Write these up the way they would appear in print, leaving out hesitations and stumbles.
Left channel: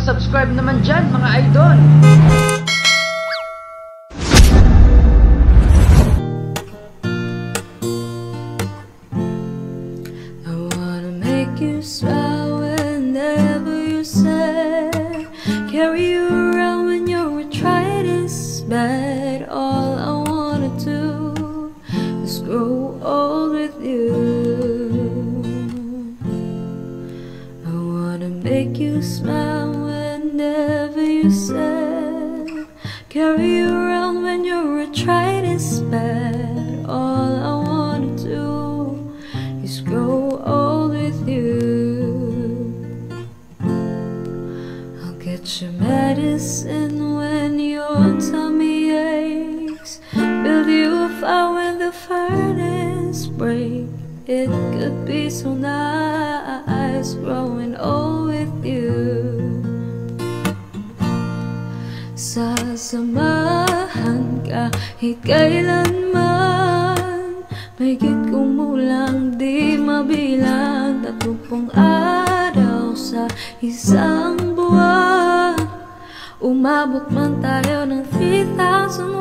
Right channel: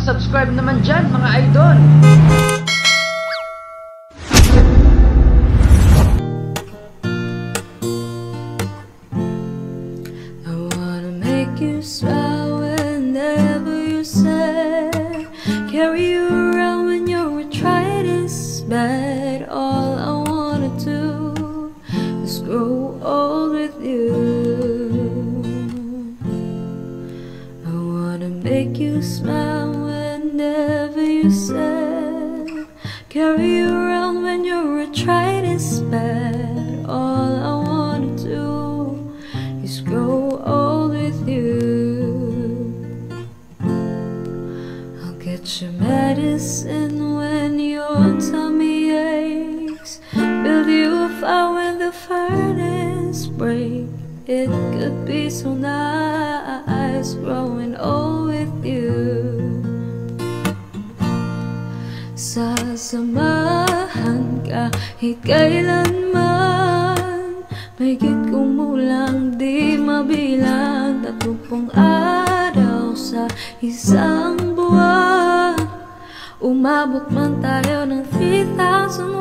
Paki-subscribe naman dyan, mga idol. I wanna make you smile whenever you're sad. Carry you around when your arthritis bad. All I wanna do is grow old with you. I wanna make you smile whenever you're sad. Carry you around when your arthritis bad. All I wanna do is grow old with you. I'll get your medicine when your tummy aches. Build you a fire when the furnace breaks. It could be so nice growing old with you. Sasamahan kahit kailanman. Mahigit kumulang di mabilang. 30 araw sa isang buwan. Umabot man tayo ng 3,001.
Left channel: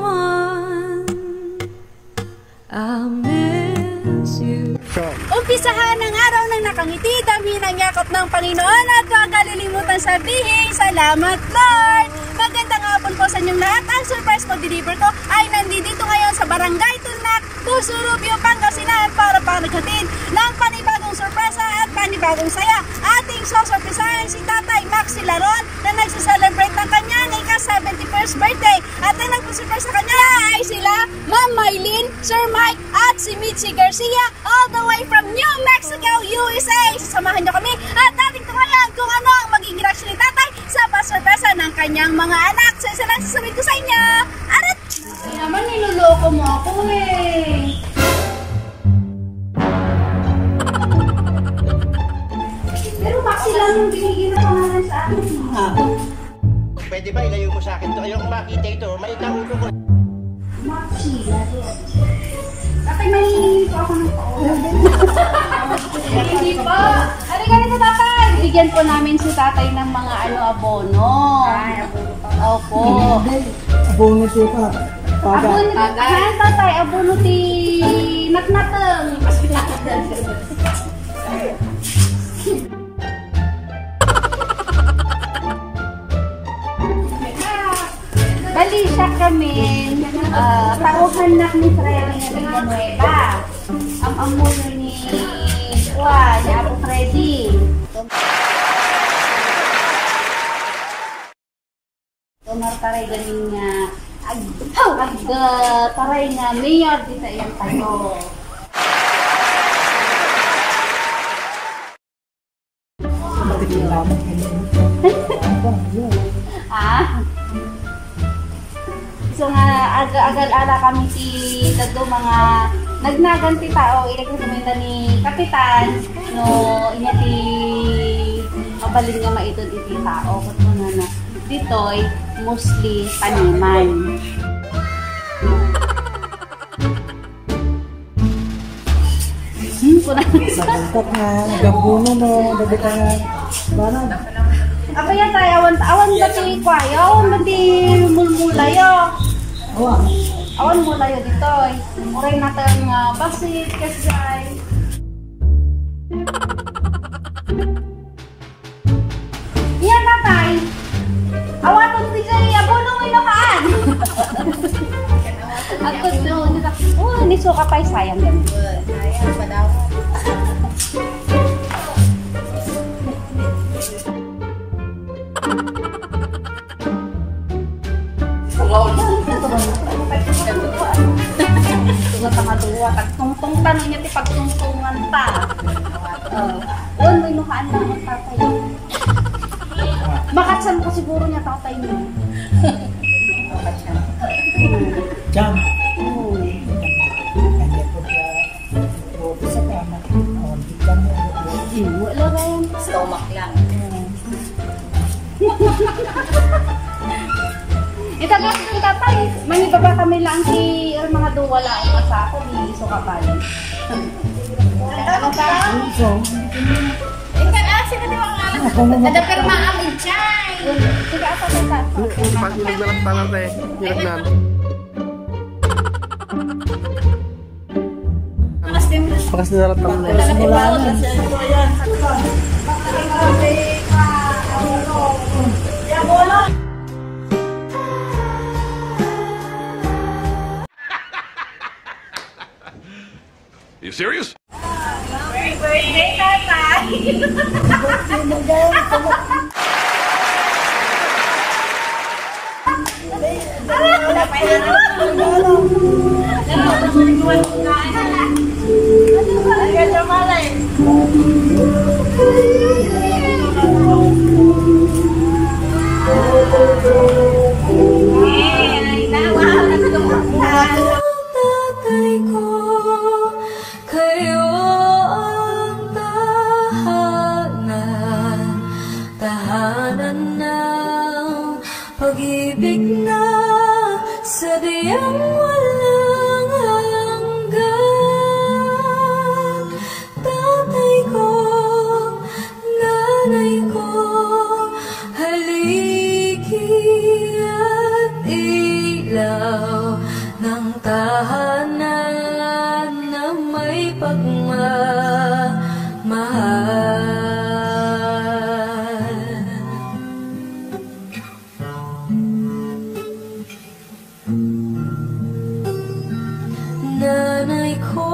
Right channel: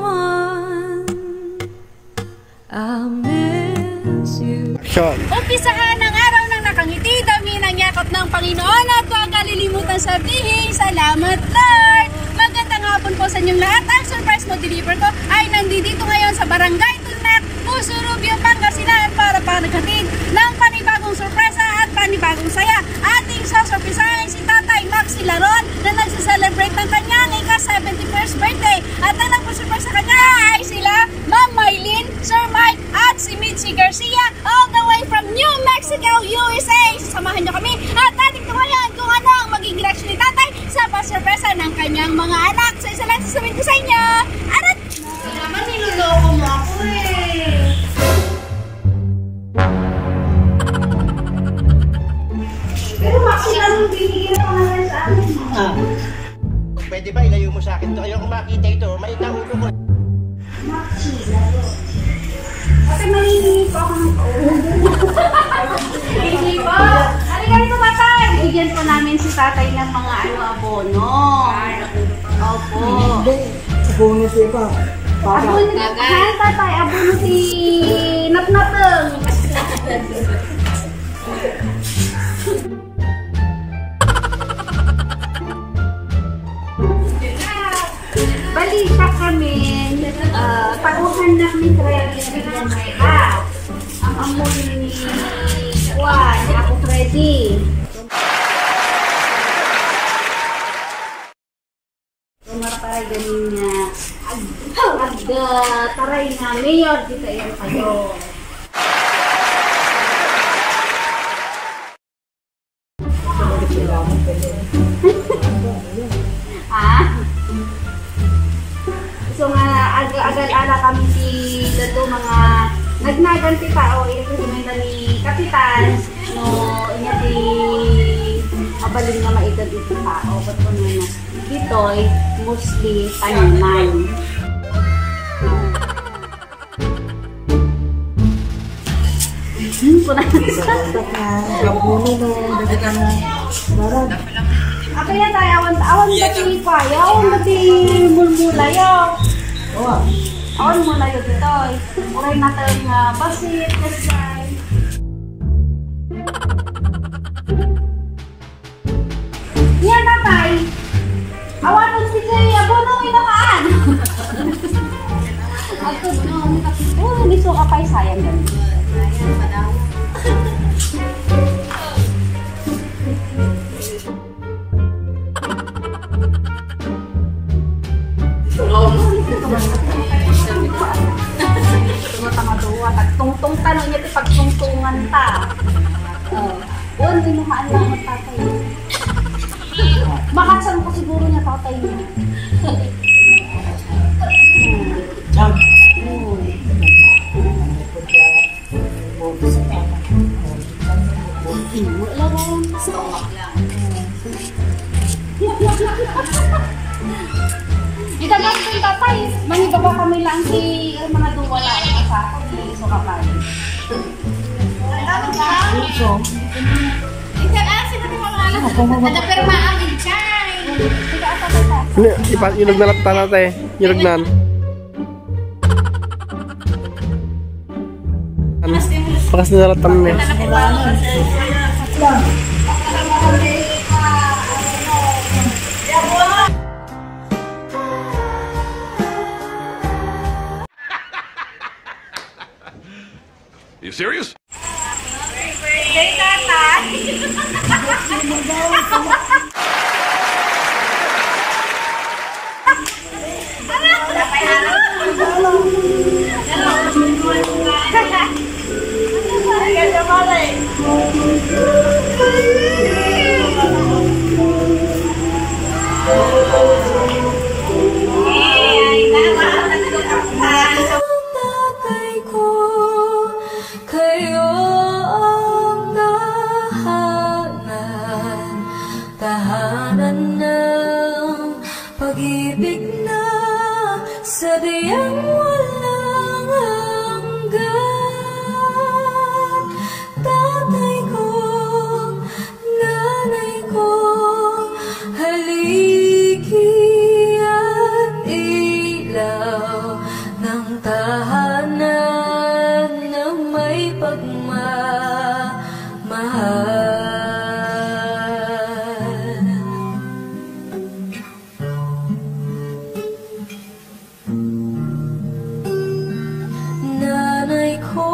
I miss you. Umpisahan ang araw ng nakangiti, dami ng yakap ng Panginoon at huwag kalilimutan sabihin, salamat Lord! Magandang hapon po sa inyong lahat. Ang surprise mag-deliver ko ay nandito ngayon sa Barangay Tunak, Puso Rubio, Pangasinan para paghatid ng panibagong sorpresa at panibagong saya. Ating sasurprisahin si Tatay Maxi Laron na nagsiselebrate ng kanyang ika-71st birthday. At ang nagpasurprise sa kanya ay sila Ma'am Maylin, Sir Mike at si Mitzi Garcia all the way from New Mexico, USA. Samahan nyo kami at ating tumayan kung ano ang magiging reaction ni Tatay sa pasurpresa ng kanyang mga anak. So isa lang sasabihin ko sa inyo. Arat! Naman niloloko mo ako eh. Pero Maxi lang yung binigyan na pangalan sa akin. Pwede ba ilayo mo sa akin ito? Ayoko makita ito. Maliit ang ulo ko. Maxi, lalo. Kasi nalinig ako ng hindi po. Ano ganito, Tatay? Bigyan po namin si Tatay ng mga abono. Opo. Abono ti ka. Abono ti. Ha, Tatay? Abono ti natnateng. Bali siya kami, tauhan na ni Freddy Villanueva. Ang amuno ni Juan, ni Apo Freddy. Tumartaray ganin nga, taray nga, mayor dito ito tayo. So nga agal-ala kami si dato mga nagnaganti tao irekomenda ni kapitan no inya ti mabalin nga maito dito tao ket kuno na ditoy mostly tanunan. Kuna sa kontak nga gabuno no dagit nga barang. Apa yan tayo? Awan ba ti kwayo? Awan ba ti mulmulayo? Oh. Awan mulayo dito. Uray natin basit, kasay. Yan Tatay. Awan mong si Jay. Abunong inukaan. Ako doon. Oh, nisuka pa sayang ganun. Sayang pa daw. Tumatanga-duwa, tagtungtong tanong niya ti pagtungtungan ta. Doon, minuhaan lang ng tatay. Makatsan ko siguro niya tatay niya. Jam. Wala ba yan? Stomach lang. Itagat din Tatay. Manibaba kami lang si mga duwala ang asako. Di iso kapal. Ano ba? So, Ingkan asin na di mga alas. Ada perma amin chay. Sige, asa tayo. Ilagnan lang tayo natin. Ilagnan. Pakas na nalat kami. You serious? Birthday, tatay! Tatay ko, kayo ang tahanan ng pag-ibig na sadyang walang hanggan. Tatay ko, nanay ko, haligi at ilaw ng tahanan na may pagmamahal. Nanay ko,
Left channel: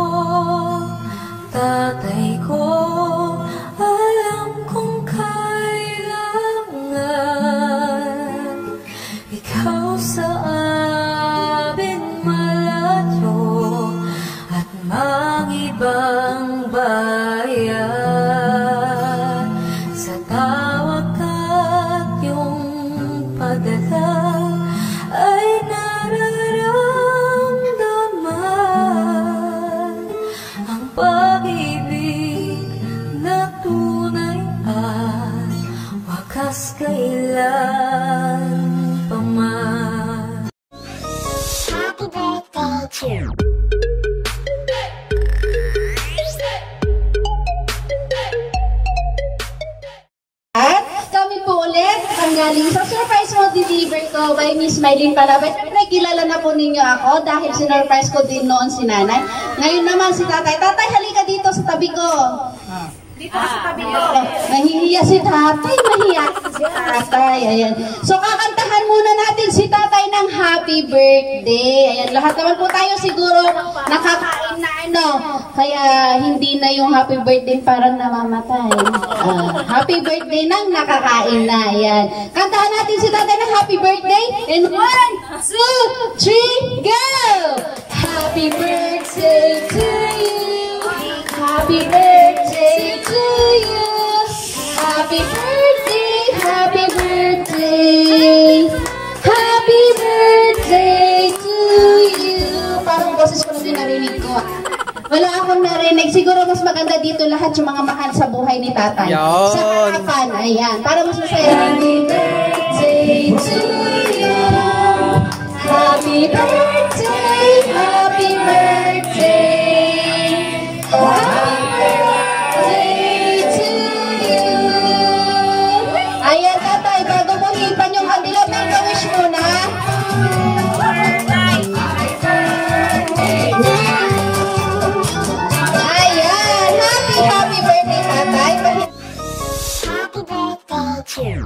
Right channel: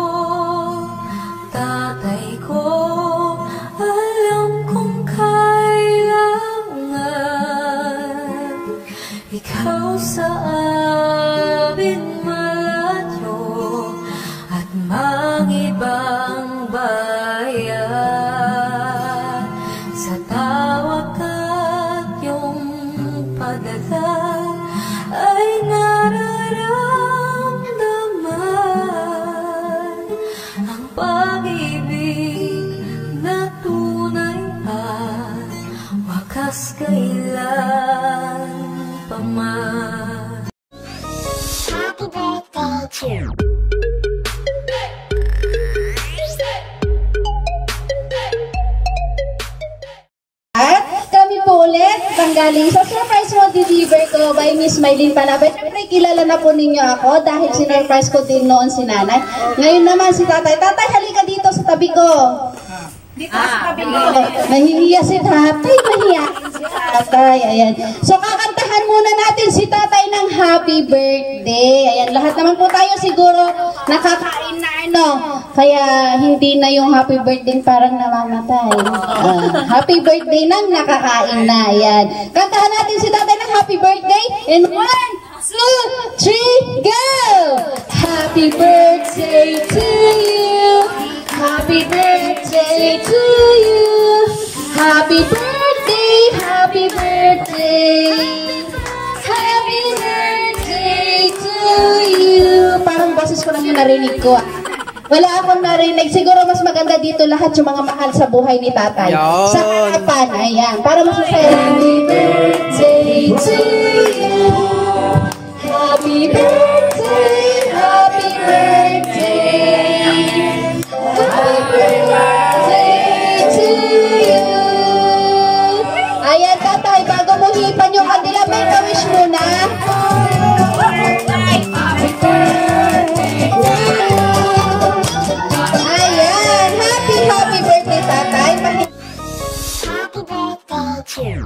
tatay ko, alam kong kailangan ikaw sa amin malayo at mangibang bayan. Sa tawag at iyong padala ay nararamdaman ang pag-ibig na tunay at wakas kailan pa man. Happy birthday to you. At kami po ulit ang galing sa surprise mo deliver ko by Miss Mylene Panabay. Siyempre, kilala na po ninyo ako dahil sinurprise ko din noon si nanay. Ngayon naman si tatay. Tatay, halika dito sa tabi ko. Dito sa tabi ko. Nahihiya si tatay. Nahihiya si tatay. Ayan. So, kakantahan muna natin si tatay ng happy birthday. Ayan. Lahat naman po tayo siguro nakakain na ano. Kaya hindi na yung happy birthday parang namamatay. Happy birthday nang nakakain na. Ayan. Kantahan natin si tatay ng happy birthday. And 1, 2, 3, go! Happy birthday to you. Happy birthday to you. Happy birthday, happy birthday. Happy birthday to you. Parang boses ko lang yung narinig ko. Wala akong narinig. Siguro mas maganda dito lahat yung mga mahal sa buhay ni tatay. Yan. Sa harapan. Ayan. Para mas masaya. Happy birthday to you. Happy birthday. Happy birthday. Happy birthday to you. Ayan, tatay. Bago mo hipan yung kandila, make a wish muna. Happy birthday, tatay. Happy birthday to you.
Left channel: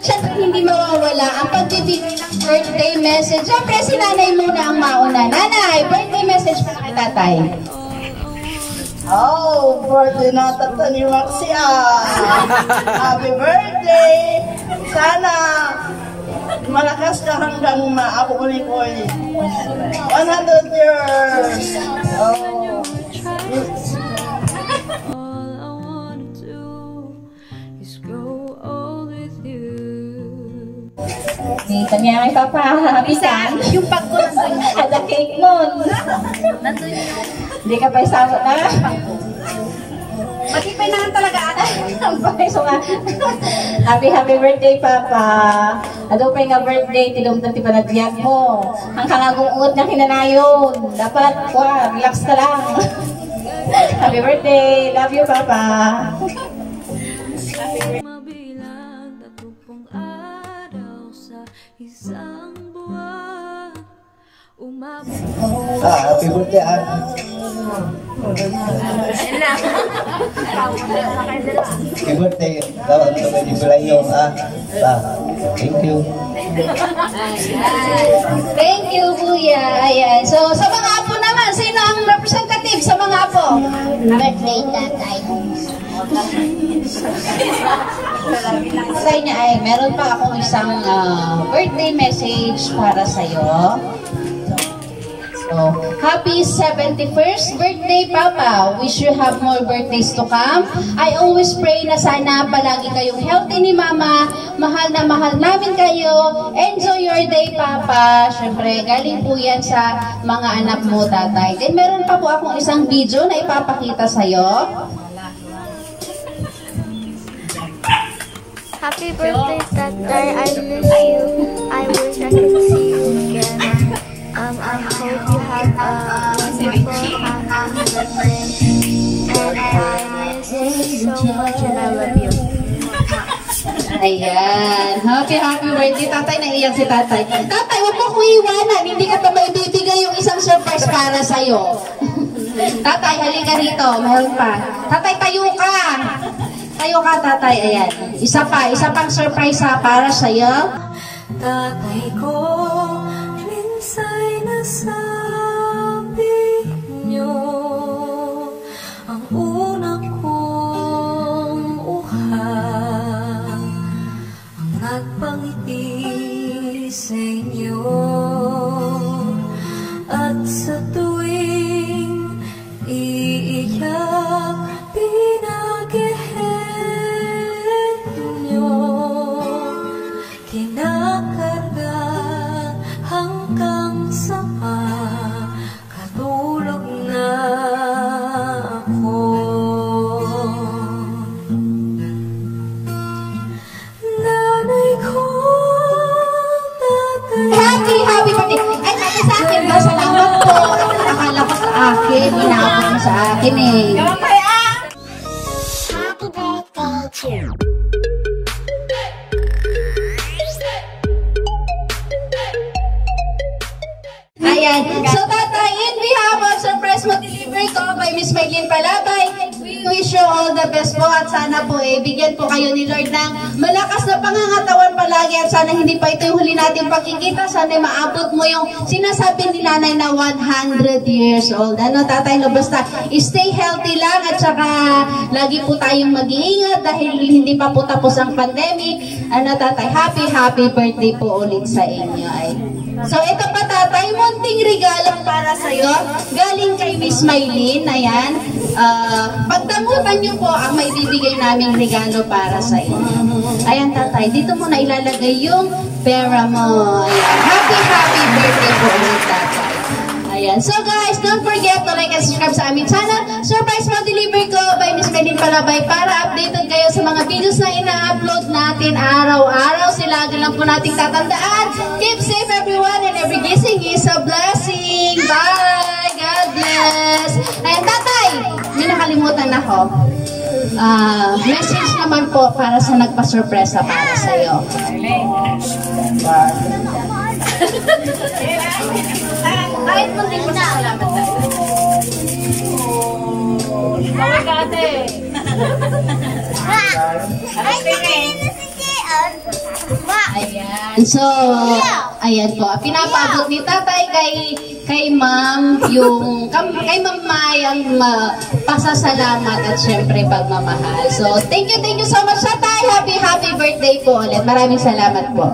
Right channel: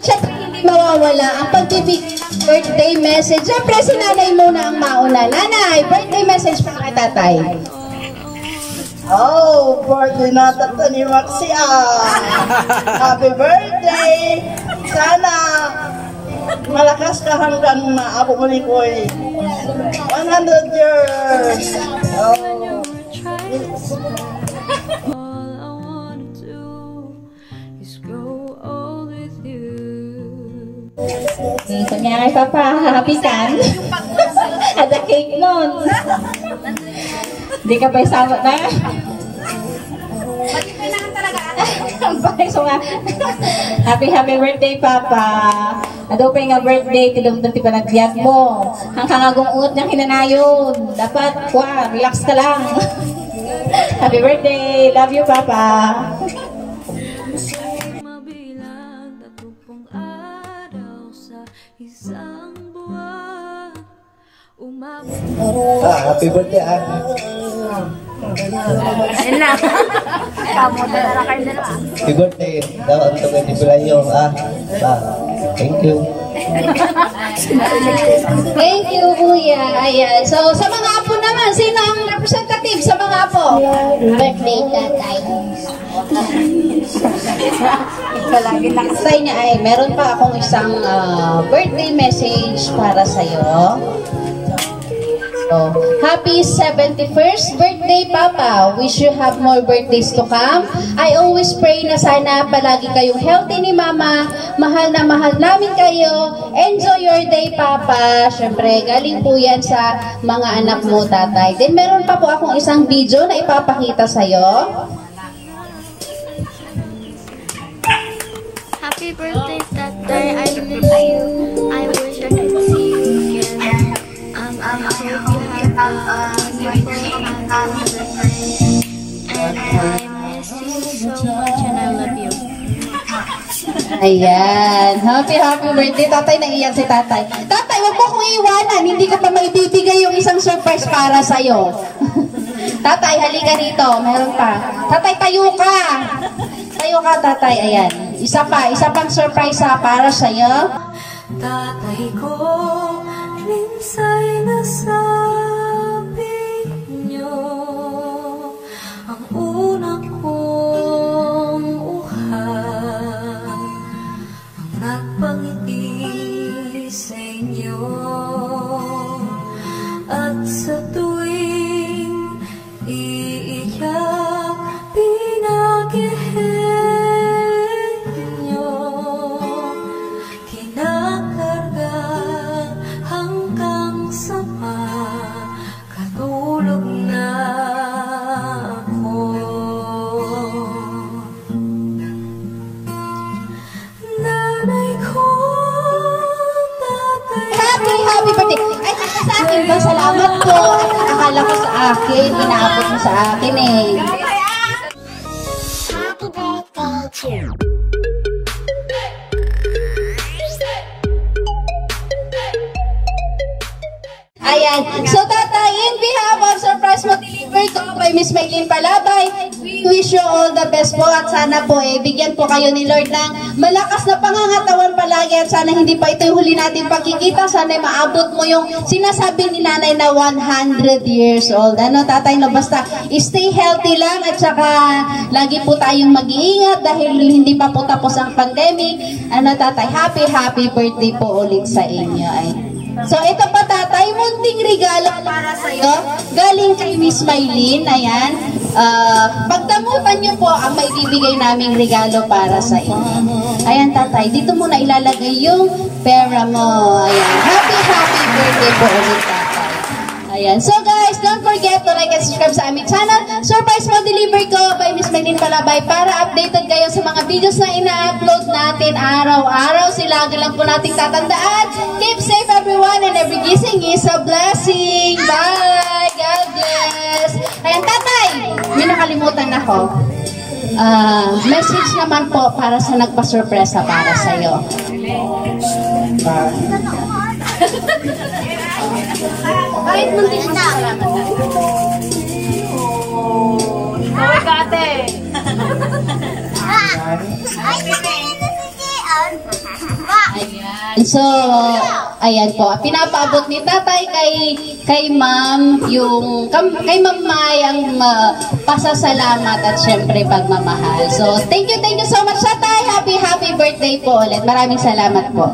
Siyempre, hindi mawawala ang pagbibigay ng birthday message. Siyempre, si nanay muna ang mauna. Nanay, birthday message para kay tatay. Oh, birthday na tata ni Maxia. Happy birthday. Sana malakas ka hanggang maabot muli ko 100 years. Oh. All I wanna do is grow old with you. Kanya may papahapitan. Ada cake nun. Hindi ka pa isabot na. Matipay naman talaga ate. So nga, happy birthday, Papa. Ado pa nga birthday, tilumdan ti panagbiag mo. Hanggang agong uot ng hinanayon. Dapat, relax ka lang. Happy birthday! Love you, Papa! Mabilang 30 araw sa isang buwan. Umabot Happy birthday, Happy birthday. Dapat ito na dipulayo, Thank you. Thank you, Kuya. Ayan. So, sa mga apo naman, sino ang representative sa mga apo? Birthday, tatay. Tatay niya ay, meron pa akong isang birthday message para sa'yo. So, happy 71st birthday, Papa. Wish you have more birthdays to come. I always pray na sana palagi kayong healthy ni Mama. Mahal na mahal namin kayo. Enjoy your day, Papa. Siyempre, galing po yan sa mga anak mo, tatay. Then, meron pa po akong isang video na ipapakita sa'yo. Happy birthday, tatay. I miss you. I wish I could see you again. I hope you have a wonderful, happy birthday. And I miss you so much and I love you. Ayan. Happy birthday, tatay. Naiyak si tatay. Tatay, huwag mo kong iwanan. Hindi ka pa maibibigay yung isang surprise para sa'yo. Tatay, halika rito. Meron pa. Tatay, tayo ka. Tayo ka, tatay. Ayan. Isa pang surprise para sa'yo. tatay ko. Minsa'y nasabi niyo ang unang kong uhang ang nagpangiti sa inyo. At sa tuwing iiyak pinaghihin niyo, kinakarga hanggang sa makatulog na ako. Nanay ko, tatay Happy birthday. Ay, nasa sa akin ba? Salamat po. Akala ko sa akin. Inaabot mo sa akin eh. Happy birthday to you. Ayan. So, tatay, in behalf of surprise mo deliver ko by Miss Maylene Palabay, we wish you all the best po at sana po bigyan po kayo ni Lord ng malakas na pangangatawan palagi at sana hindi pa ito yung huli natin pagkikita. Sana maabot mo yung sinasabi ni nanay na 100 years old. Ano, tatay, no? Basta stay healthy lang at saka lagi po tayong mag-iingat dahil hindi pa po tapos ang pandemic. Ano, tatay, happy birthday po ulit sa inyo. Ay. So, ito pa, tatay, munting regalo para sa'yo. Galing kay Miss Maylene. Ayan. Pagdamutan niyo po ang may bibigay naming regalo para sa inyo. Ayan, tatay. Dito mo na ilalagay yung pera mo. Ayan. Happy birthday po ulit, tatay. Ayan. So, guys, don't forget to like and subscribe sa aming channel. Surprise mo deliver ko by Miss Maylene Palabay para updated kayo sa mga videos na ina-upload natin araw-araw. Lagi lang po nating tatandaan. Keep safe, everyone, and every gising is a blessing. Bye! God bless! Ayan, tatay, may nakalimutan ako. Message naman po para sa nagpa-surpresa para sa'yo. Kahit muntik mo na. Salamat, tatay. Ikaw ka, ate. Ayan. So, ayan po. Pinapaabot ni tatay kay ma'am yung kay Ma'am May ang pasasalamat at syempre pagmamahal. So, thank you so much, tatay. Happy birthday po ulit. Maraming salamat po.